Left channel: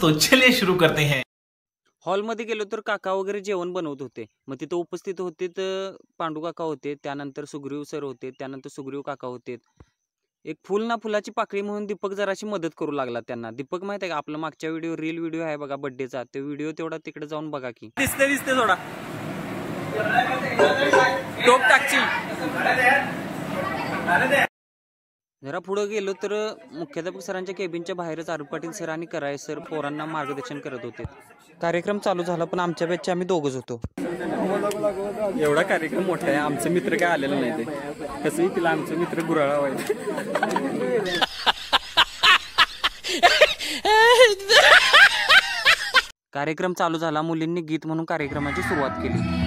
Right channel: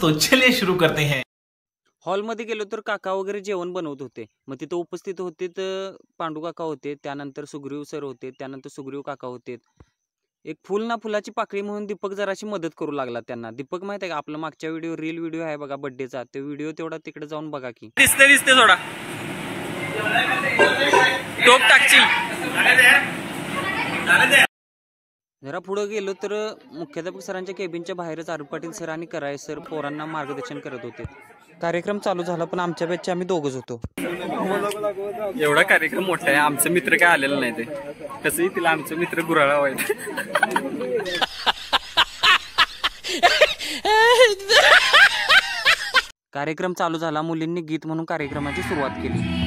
तो चलिए शुरू करते हैं। हॉलमध्ये गेलो तर काका वगैरे जेवण बनवत होते. मग तिथं उपस्थित होते तर पांडू काका होते, त्यानंतर सुग्रीव सर होते, त्यानंतर सुग्रीव काका होते. एक फुल ना फुलाची पाकळी म्हणून दीपक जराशी मदत करू लागला त्यांना. दीपक माहित आहे का आपला मागच्या रील व्हिडिओ आहे बघा बर्थडेचा, तो व्हिडिओ तेवढा तिकडे जाऊन बघा की. दिसते थोडा टोप टाकची. जरा पुढे गेलो तर मुख्याध्यापक सरांच्या केबिनच्या बाहेरच आरुप पाटील सर आणि कराळे सर पोरांना मार्गदर्शन करत होते. कार्यक्रम चालू झाला पण आमच्या बॅचचे आम्ही दोघच होतो. एवढा कार्यक्रम मोठा आहे, आमचं मित्र काय आलेलं नाही. ते कसंही तिला आमचं मित्र गुराळा व्हायचं. कार्यक्रम चालू झाला. मुलींनी गीत म्हणून कार्यक्रमाची सुरुवात केली.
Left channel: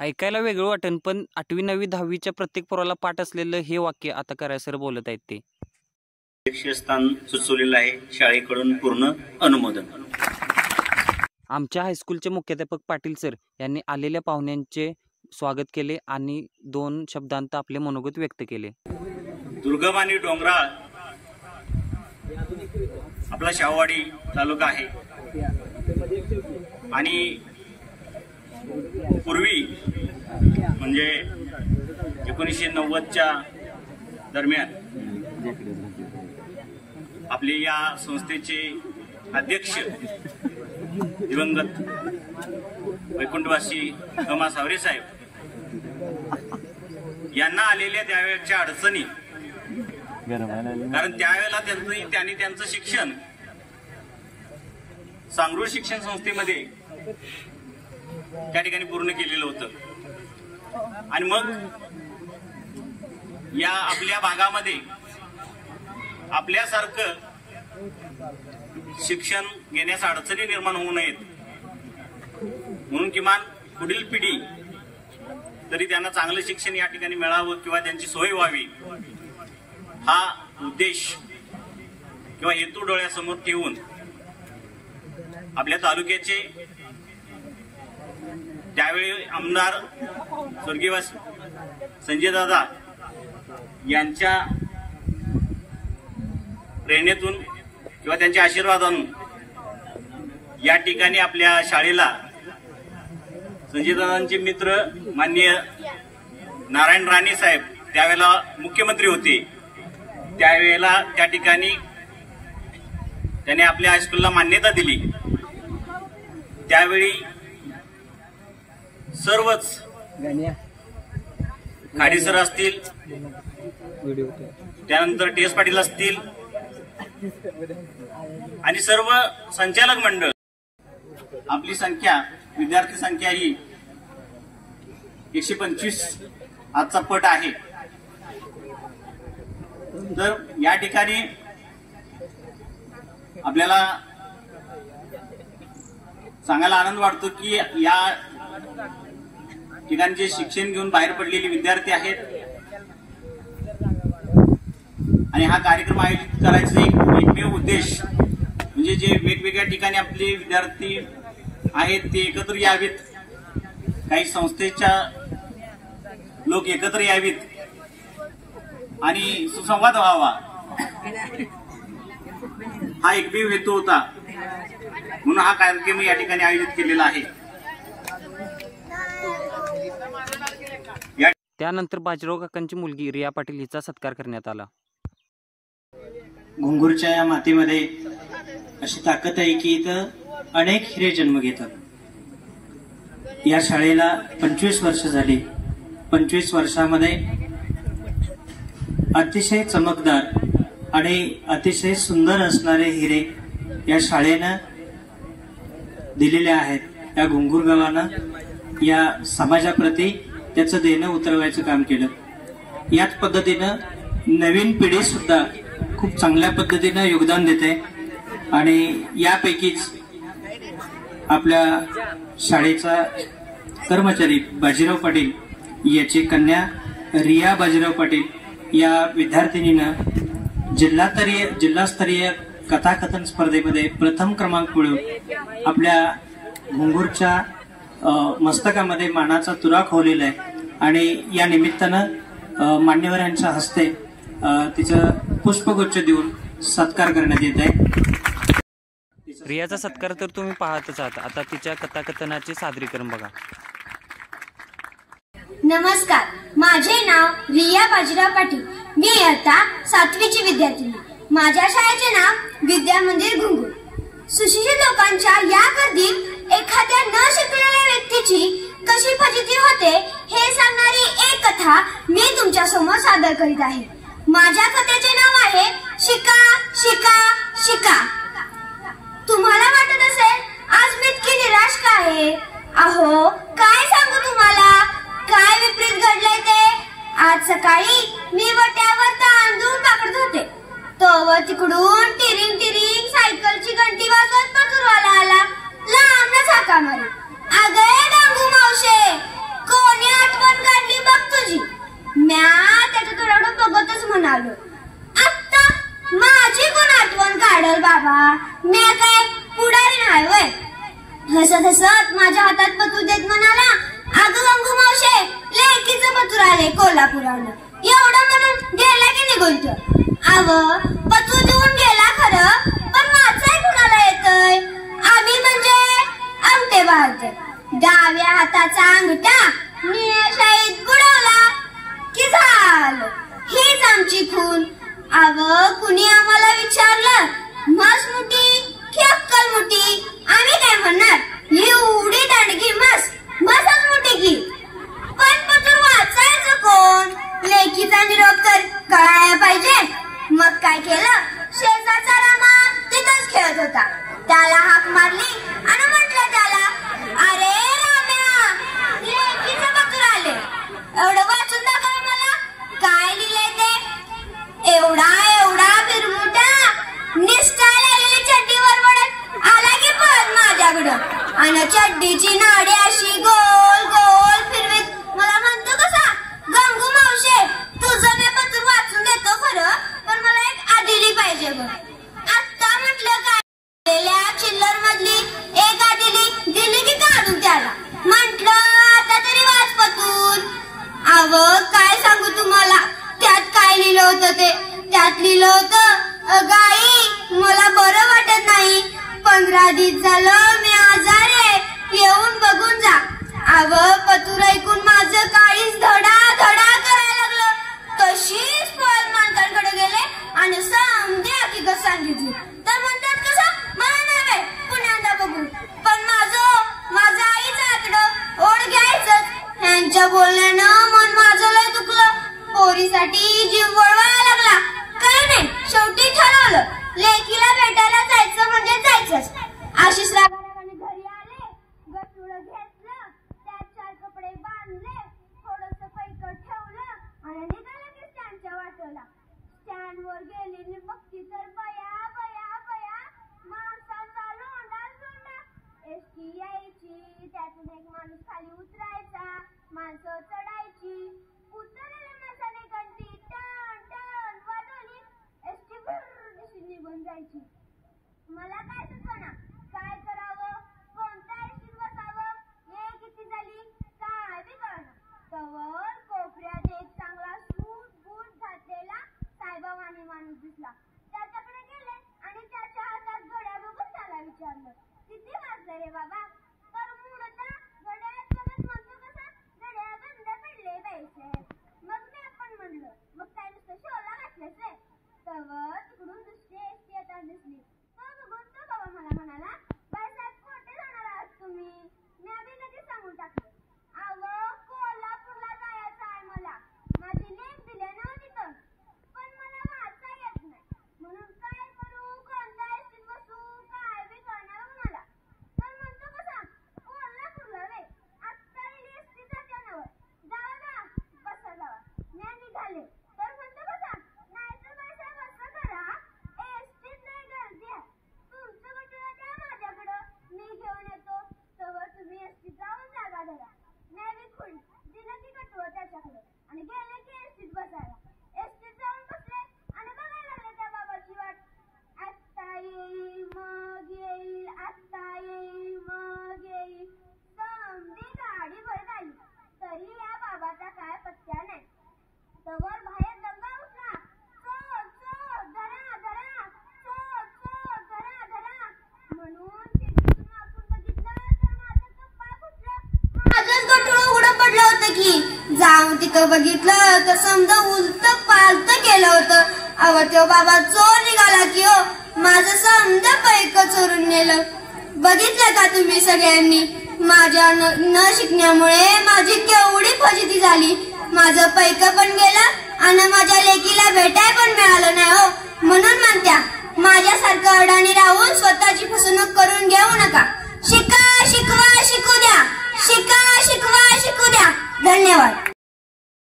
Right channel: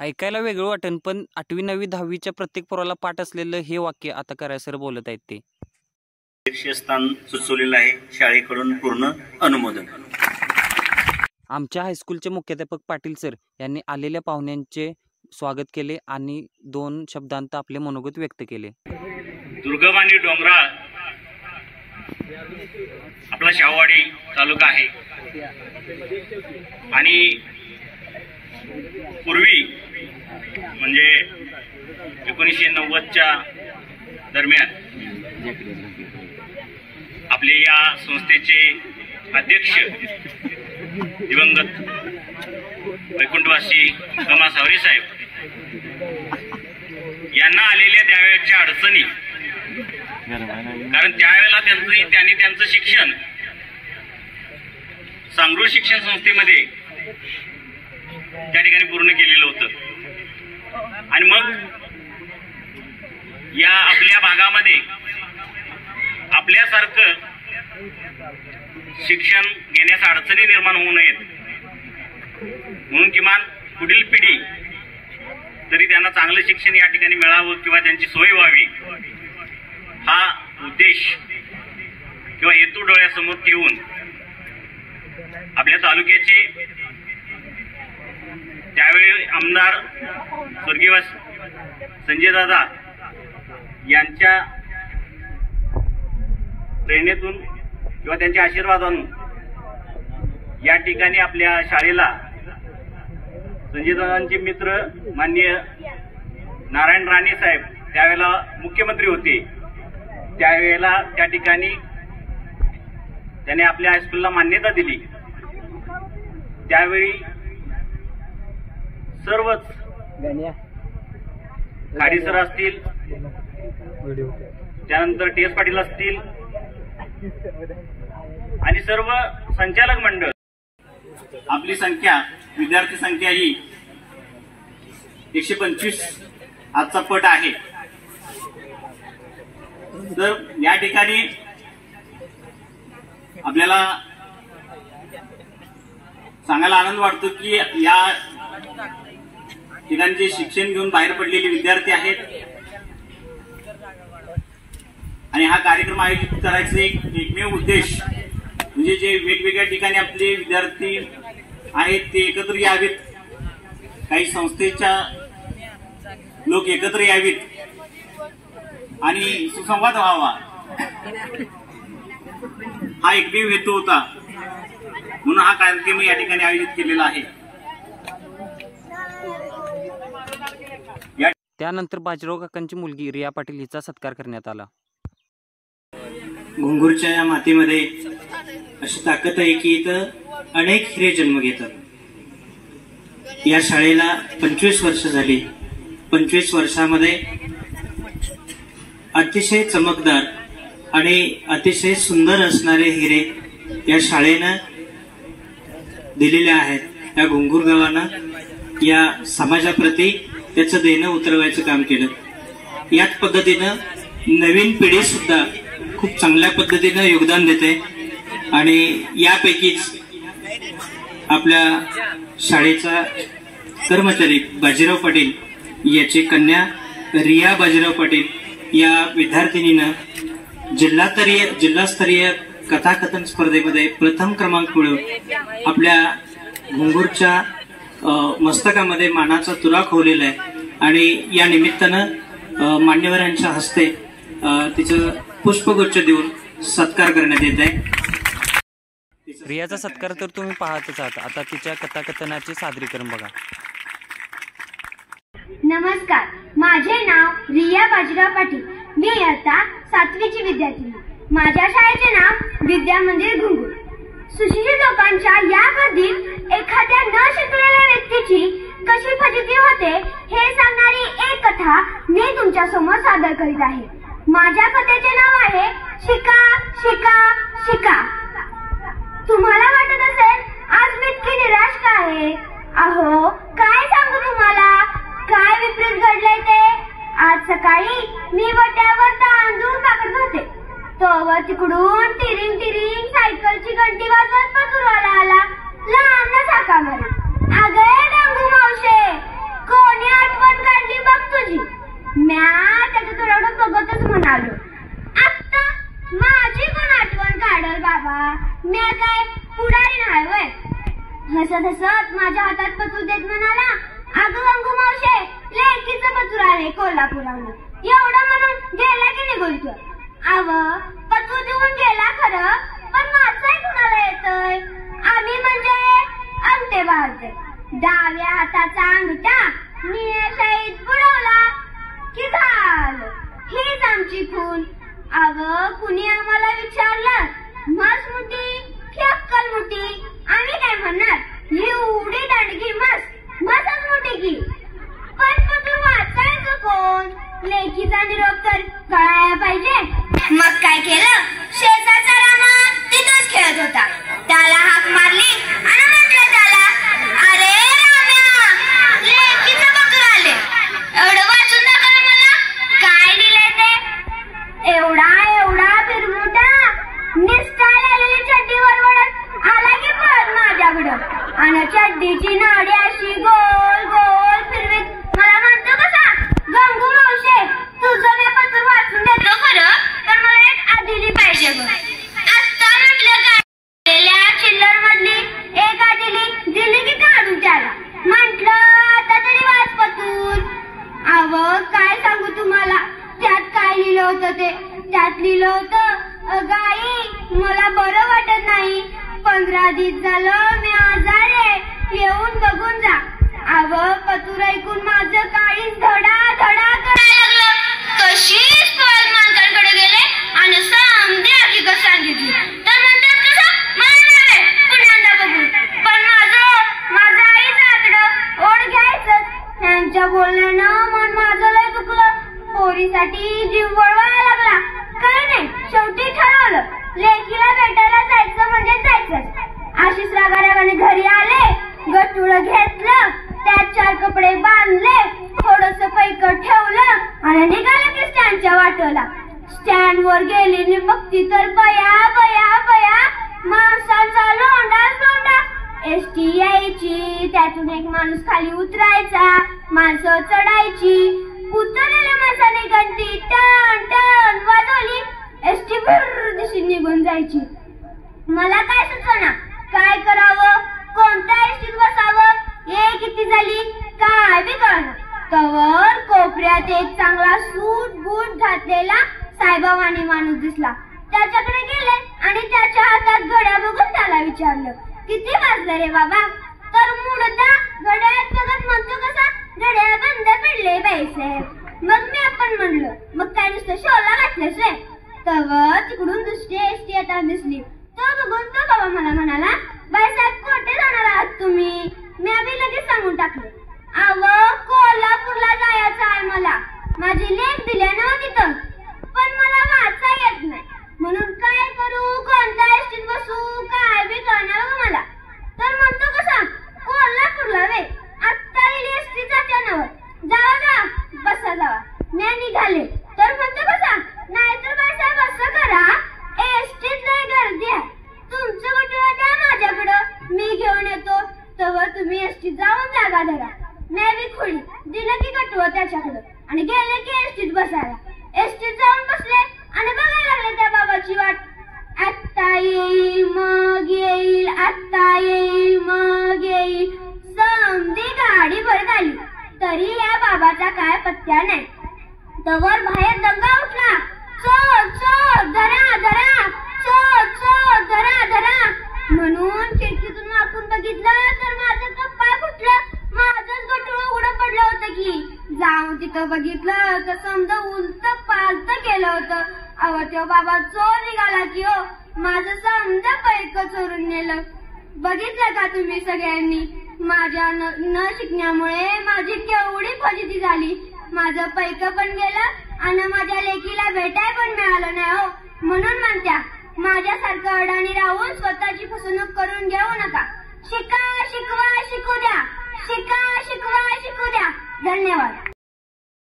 ऐकायला वेगळं वाटेल पण 8वी 9वी 10वीच्या प्रत्येक पोराला पाठ असलेलं हे वाक्य आता कराळे सर बोलत आहेत. ते शीर्षस्थान सुचवलेलं आहे, शाळेकडून पूर्ण अनुमोदन. आमच्या हायस्कूलचे मुख्याध्यापक पाटील सर यांनी आलेल्या पाहुण्यांचे स्वागत केले आणि 2 शब्दांत आपले मनोगत व्यक्त केले. दुर्गम आणि डोंगराळ आपला शाहूवाडी तालुका आहे आणि पूर्वी म्हणजे 1990च्या दरम्यान आपले या संस्थेचे अध्यक्ष दिवंगत वैकुंठवासी कमा सावरे साहेब यांना आलेल्या त्यावेळेच्या अडचणी, कारण त्यावेळेला त्यांनी त्यांचं शिक्षण सांगरूळ शिक्षण संस्थेमध्ये त्या ठिकाणी पूर्ण केलेलं होतं आणि मग या आपल्या भागामध्ये आपल्यासारखं शिक्षण घेण्यास अडचणी निर्माण होऊ नयेत म्हणून किमान पुढील पिढी तरी त्यांना चांगलं शिक्षण या ठिकाणी मिळावं किंवा त्यांची सोय व्हावी हा उद्देश किंवा हेतू डोळ्यासमोर ठेवून आपल्या तालुक्याचे त्यावेळी आमदार स्वर्गीय संजय दादा यांच्या प्रेरणेतून किंवा त्यांच्या आशीर्वादातून या ठिकाणी आपल्या शाळेला संजय दादांचे मित्र माननीय नारायण राणे साहेब त्यावेळेला मुख्यमंत्री होते, त्यावेळेला त्या ठिकाणी त्याने आपल्या हायस्कूलला मान्यता दिली. त्यावेळी सर्वच खाडी सर असतील, त्यानंतर टी एस पाटील असतील आणि सर्व संचालक मंडळ, आपली संख्या विद्यार्थी संख्या ही 125 आजचा पट आहे. तर या ठिकाणी आपल्याला सांगायला आनंद वाटतो की या ठिकाणी जे शिक्षण घेऊन बाहेर पडलेले विद्यार्थी आहेत आणि हा कार्यक्रम आयोजित करायचा एकमेव उद्देश म्हणजे जे वेगवेगळ्या ठिकाणी आपले विद्यार्थी आहेत ते एकत्र यावेत, काही संस्थेच्या लोक एकत्र यावेत आणि सुसंवाद व्हावा हा एकमेव हेतू होता. म्हणून हा कार्यक्रम या ठिकाणी आयोजित केलेला आहे. त्यानंतर बाजीराव काकांची मुलगी रिया पाटील हिचा सत्कार करण्यात आला. घुंगूरच्या या मातीमध्ये अशी ताकद आहे की इथं अनेक हिरे जन्म घेतात. या शाळेला 25 वर्ष झाली. 25 वर्षामध्ये अतिशय चमकदार आणि अतिशय सुंदर असणारे हिरे या शाळेनं दिलेले आहेत. या घुंगूर गावानं या समाजाप्रती त्याचं देणं उतरवायचं काम केलं. याच पद्धतीनं नवीन पिढी सुद्धा खूप चांगल्या पद्धतीनं योगदान देते आणि यापैकीच आपल्या शाळेचा कर्मचारी बाजीराव पाटील याची कन्या रिया बाजीराव पाटील या विद्यार्थिनीनं जिल्हास्तरीय कथाकथन स्पर्धेमध्ये प्रथम क्रमांक मिळवून आपल्या घुंगूरच्या मस्तकामध्ये मानाचा तुरा खोवलेला आहे. आणि या निमित्तानं मान्यवरांच्या हस्ते तिचं पुष्पगुच्छ देऊन सत्कार करण्यात येत आहे. रियाचा सत्कार तर तुम्ही पाहतच आहात. आता तिच्या कथाकथनाचे सादरीकरण बघा. नमस्कार, माझे नाव रिया बाजीराव पाटील. मी इयत्ता 7वीची विद्यार्थिनी. माझ्या शाळेचे नाव विद्या मंदिर घुंगूर. सुशिक्षित लोकांच्या या गर्दीत एखाद्या न शिकलेल्या व्यक्तीची कशी फजिती होते हे सांगणारी एक कथा मी तुमच्या समोर सादर करीत आहे. माझ्या कथेचे नाव आहे शिका शिका शिका. तुम्हाला वाटत असेल आज मी इतकी निराश का आहे? अहो, काय सांगू तुम्हाला, काय विपरीत घडलंय ते. आज सकाळी मी वट्यावर तांदूळ पाकडत होते, तोवर तिकडून टिरिंग टिरिंग सायकलची घंटी वाजवत पतुरवाला आला. लांबनच हाका मारी, अगं डांगू मावशे, कोणी आठवण काढली बघ तुझी. म्या त्याच्या तोडाकडे बघतच म्हणालो, आत्ता माझी कोण आठवण काढल बाबा, म्या काय पुढारी नाही वय. हसत हसत माझ्या हातात पतूर देत म्हणाला, अगं गंगू मावशे, लेकीचं पतूर आले कोल्हापुरावनं. एवढं म्हणून गेला की निघून तो. अव पतूर देऊन गेला खरं, पण माझाही कुणाला येतय. आम्ही म्हणजे अंगठे बाळगते. डाव्या हाताचा अंगठा निळ्या शाईत बुडवला की झालं, हीच आमची खून. अव कुणी आम्हाला विचारलं म्हस मुठी की अक्कल मुठी, आम्ही काय म्हणणार, एवढी दांडगी म्हसच मुठी की. पण पतूर वाचायचं कोण, लेकीचा निरोप तर कळायला पाहिजे. मग काय केलं, शेजारचा रामा तिथंच खेळत होता. त्याला हाक मारली आणि म्हटलं त्याला, अरे राम्या, लेकीचं पतूर आले, एवढं वाचून दाखव मला, काय दिलंय ते. एवढा एवढा बिरमुटा निस्टाल आलेली चड्डी वरवडत आला की पळत माझ्याकडं आणि चड्डीची नाडी अशी गोल गोल फिरवीत मला म्हणतो कसा, गंगू मावशे, तुझं मी पत्र वाचून देतो खरं, पण मला एक आदिली पाहिजे बघ. आत्ता म्हटलं काय, चिल्लर मधली एक आदिली दिली की काढून त्याला. म्हटलं आता तरी वाच पतूर. अव काय सांगू तुम्हाला, त्यात काय लिहिलं होतं ते. त्यात लिहिलं होतं, गाई मला बरं वाटत नाही, 15 दिवस झालं मी आजारी, येऊन बघून जा. अव पतूर ऐकून माझं काळीच धडा धडा करायला लागलं. तशीच पळत मालकांकडे गेले आणि समधी हकीकत सांगितली. तर म्हणतात कसं, मला नव्हे पुण्यांदा बघून, पण माझं आईचं आतडं ओढ घ्यायचं. यांच्या बोलण्यानं मन माझं लय दुखलं. पोरीसाठी जीव वळवायला लागला. काय नाही, शेवटी ठरवलं, लेकीला भेटायला जायचं म्हणजे जायचंच. आशिष रागारागाने घरी आले, गटुळं घेतलं, त्यात 4 कपडे बांधले, थोडस पैकट ठेवलं आणि निघालं की स्टँडच्या वाटेला. स्टँड वर गेलेली बघती तर बया बया बया माणसांचा लोंडाच लोंडा. एसटी यायची, त्यातून एक माणूस खाली उतरायचा, माणसं चढायची. उतरलेल्या माणसाने घंटी टन टन वाजवली, एसटी भर दिशी निघून जायची. मला काय सुचना, काय करावं, कोणत्या एसटीत बसावं, ये किती झाली काय बी कळना. तवर कोपऱ्यात एक चांगला सूट बूट घातलेला साईबाबानी माणूस दिसला. त्याच्याकडे गेले आणि त्याच्या हातात घड्याळ बघून त्याला विचारलं, किती वाजलं रे बाबा. तर मुडदा घड्याळात बघत म्हणतो कसा, घड्याळ बंद पडले पैसे. मग मी आपण म्हणलं, मग काय नुसतं शोला घातलंस रे. तवर तिकडून दुसरी एसटी येताना दिसली. तो बघून तो बाबा मला म्हणाला, बाईसाहेब कोठे जाणार आहात तुम्ही. मी आधी लगेच सांगून टाकलं, अव कोल्हापूरला जायचं आहे मला, माझी लेख दिल्या ना तिथं, पण मला वाचा येत नाही, म्हणून काय करू, कोणत्या एसटीत बसू काय बी कळणार बघ मला. तर म्हणतो कसा, कोल्हापूरला वे, आत्ता लिहिली एसटी जात्या नवर, जावा जा बसा जावा. मी निघाले. तर म्हणतो कसा, नाहीतर बाईसाहेब असं करा, एसटीत लय गर्दी आहे, तुमचं गटुळं द्या माझ्याकडं, मी घेऊन येतो. तवर तुम्ही एसटीत जाऊन जागा धरा. मी बी खुळी दिलं की गटुळं त्याच्याकडं आणि गेले की एसटीत बसायला. एसटीत जाऊन बसले आणि बघायला लागले त्या बाबाची वाट. आत्ता येईल मग येईल, आत्ता येईल मग येईल. समधी गाडी भरत आली तरी या बाबाचा त्याने तवर बाहेर दंगा उठला. चोर चोर धरा धरा, चोर चोर धरा धरा म्हणून खिडकीतून वाकून बघितलं तर माझं कपाळ फुटलं. माझंच गठुडं उघडं पडलं होतं की. जाऊन तिथं बघितलं तर समजा उलट पालत केलं होतं. अव तो बाबा चोर निघाला की हो, माझं समजा पैक चोरून नेलं. बघितलं का तुम्ही सगळ्यांनी, माझ्या न शिकण्यामुळे माझी केवढी फजिती झाली. माझं पैक पण गेलं आणि माझ्या लेकीला भेटाय पण मिळालं नाही हो. म्हणून म्हणत्या माझ्यासारखं अडाणी राहून स्वतःची फसवणूक करून घेऊ नका. शिका शिकवा शिकू द्या, शिका शिकवा शिकू द्या. धन्यवाद.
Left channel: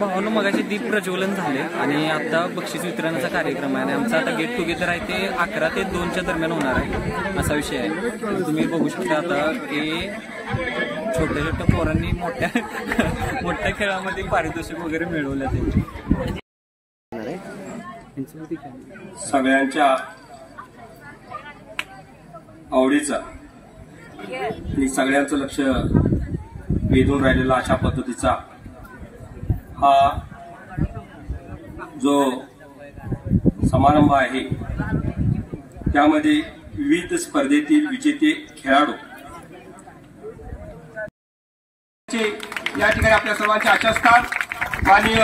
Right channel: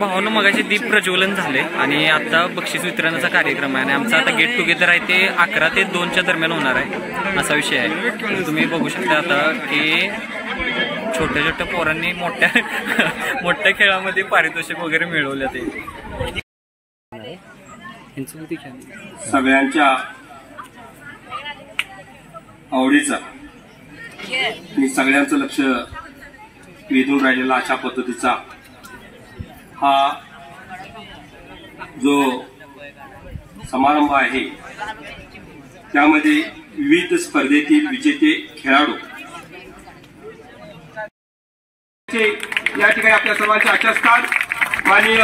भावानं मगाशी दीप प्रज्वलन झाले आणि आता बक्षीस वितरणाचा कार्यक्रम आहे आणि आमचा आता गेट टुगेदर आहे ते 11 ते 2च्या दरम्यान होणार आहे, असा विषय आहे. तुम्ही बघू शकता आता की छोट्या छोट्या पोरांनी मोठ्या मोठ्या खेळामध्ये पारितोषिक वगैरे मिळवले. ते सगळ्यांच्या आवडीचा आणि सगळ्यांचं लक्ष वेधून राहिलेला अशा पद्धतीचा हा जो समारंभ आहे, त्यामध्ये विविध स्पर्धेतील विजेते खेळाडू या ठिकाणी आपल्या सर्वांचे आचारस्थान माननीय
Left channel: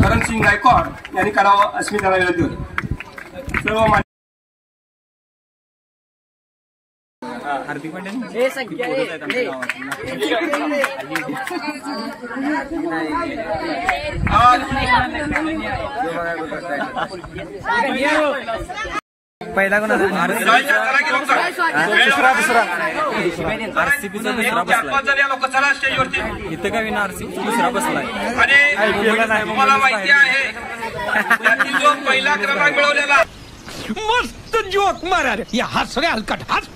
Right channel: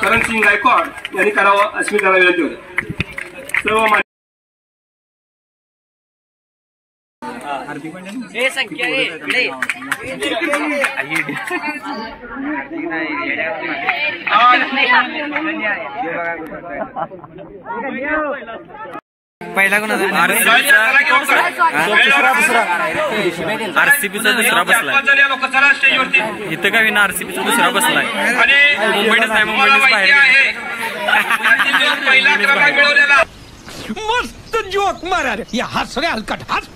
करणसिंग गायकवाड यांनी करावं अशी मी त्यांना विनंती होते. सर्व आरसीबीचा दुसरा बसलाय इथं का विना, आरसीबीचा दुसरा बसलाय. मुंबईतच नाही, मुंबईतच बाहेर. मस्त जोक मारा रे, या हस रे हलकट हस.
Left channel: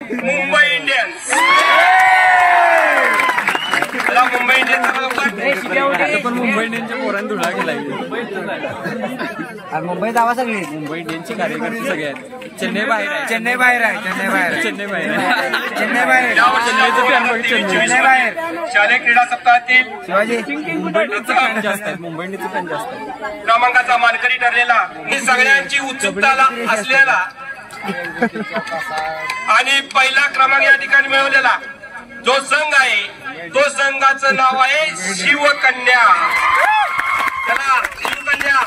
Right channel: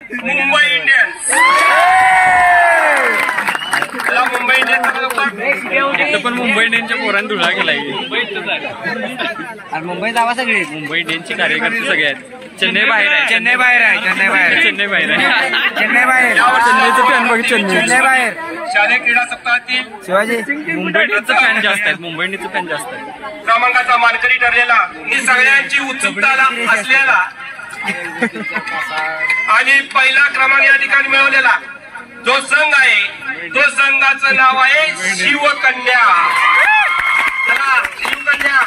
मुंबई इंडियन्स इथं पण मुंबई इंडियन्सच्या पोरांनी धुळा केलाय. मुंबई दावा सगळी, मुंबई इंडियन्सचे कार्यकर्ते सगळे आहेत. चेन्नई बाहेर आहे, चेन्नई बाहेर आहे, चेन्नई बाहेर, चेन्नई बाहेर आहे, चेन्नई बाहेर, चेन्नईचं फॅन बघ, चेन्नई बाहेर. शालेय क्रीडा सप्ताहातील शिवाजी मुंबई इंडियन्सचं फॅन जास्त आहेत, मुंबई इंडियन्सचं फॅन जास्त आहेत. क्रमांकाचा मानकरी ठरलेला ही सगळ्यांची उत्सुकता असलेला आणि पहिला क्रमांक या ठिकाणी मिळवलेला जो संघ आहे, तो संघाचं नाव आहे शिवकन्या. चला शिवकन्या.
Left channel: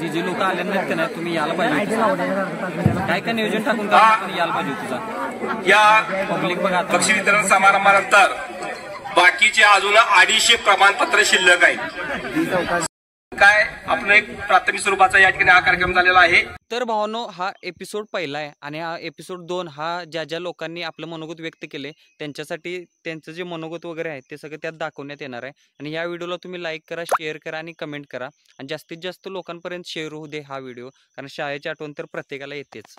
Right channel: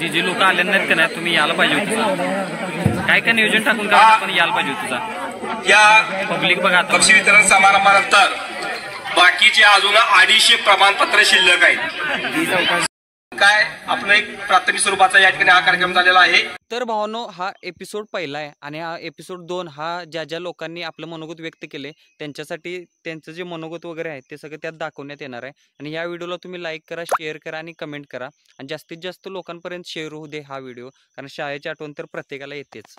जी लोक आले नाहीत का नाही, तुम्ही यायला पाहिजे होतं. काय काय नियोजन टाकून का पण यायला पाहिजे होतं. या पब्लिक बघा आता बक्षीस वितरण समारंभानंतर बाकीचे अजून 250 प्रमाणपत्र शिल्लक आहेत. काय आपण एक प्राथमिक स्वरूपाचा या ठिकाणी हा कार्यक्रम झालेला आहे. तर भावानो, हा एपिसोड पहिला आहे आणि हा एपिसोड 2 हा ज्या ज्या लोकांनी आपलं मनोगत व्यक्त केले त्यांच्यासाठी त्यांचं जे मनोगत वगैरे आहे ते सगळं त्यात दाखवण्यात येणार आहे. आणि या व्हिडिओला तुम्ही लाईक करा, शेअर करा आणि कमेंट करा आणि जास्तीत जास्त लोकांपर्यंत शेअर होऊ दे हा व्हिडिओ, कारण शाळेची आठवण तर प्रत्येकाला येतेच.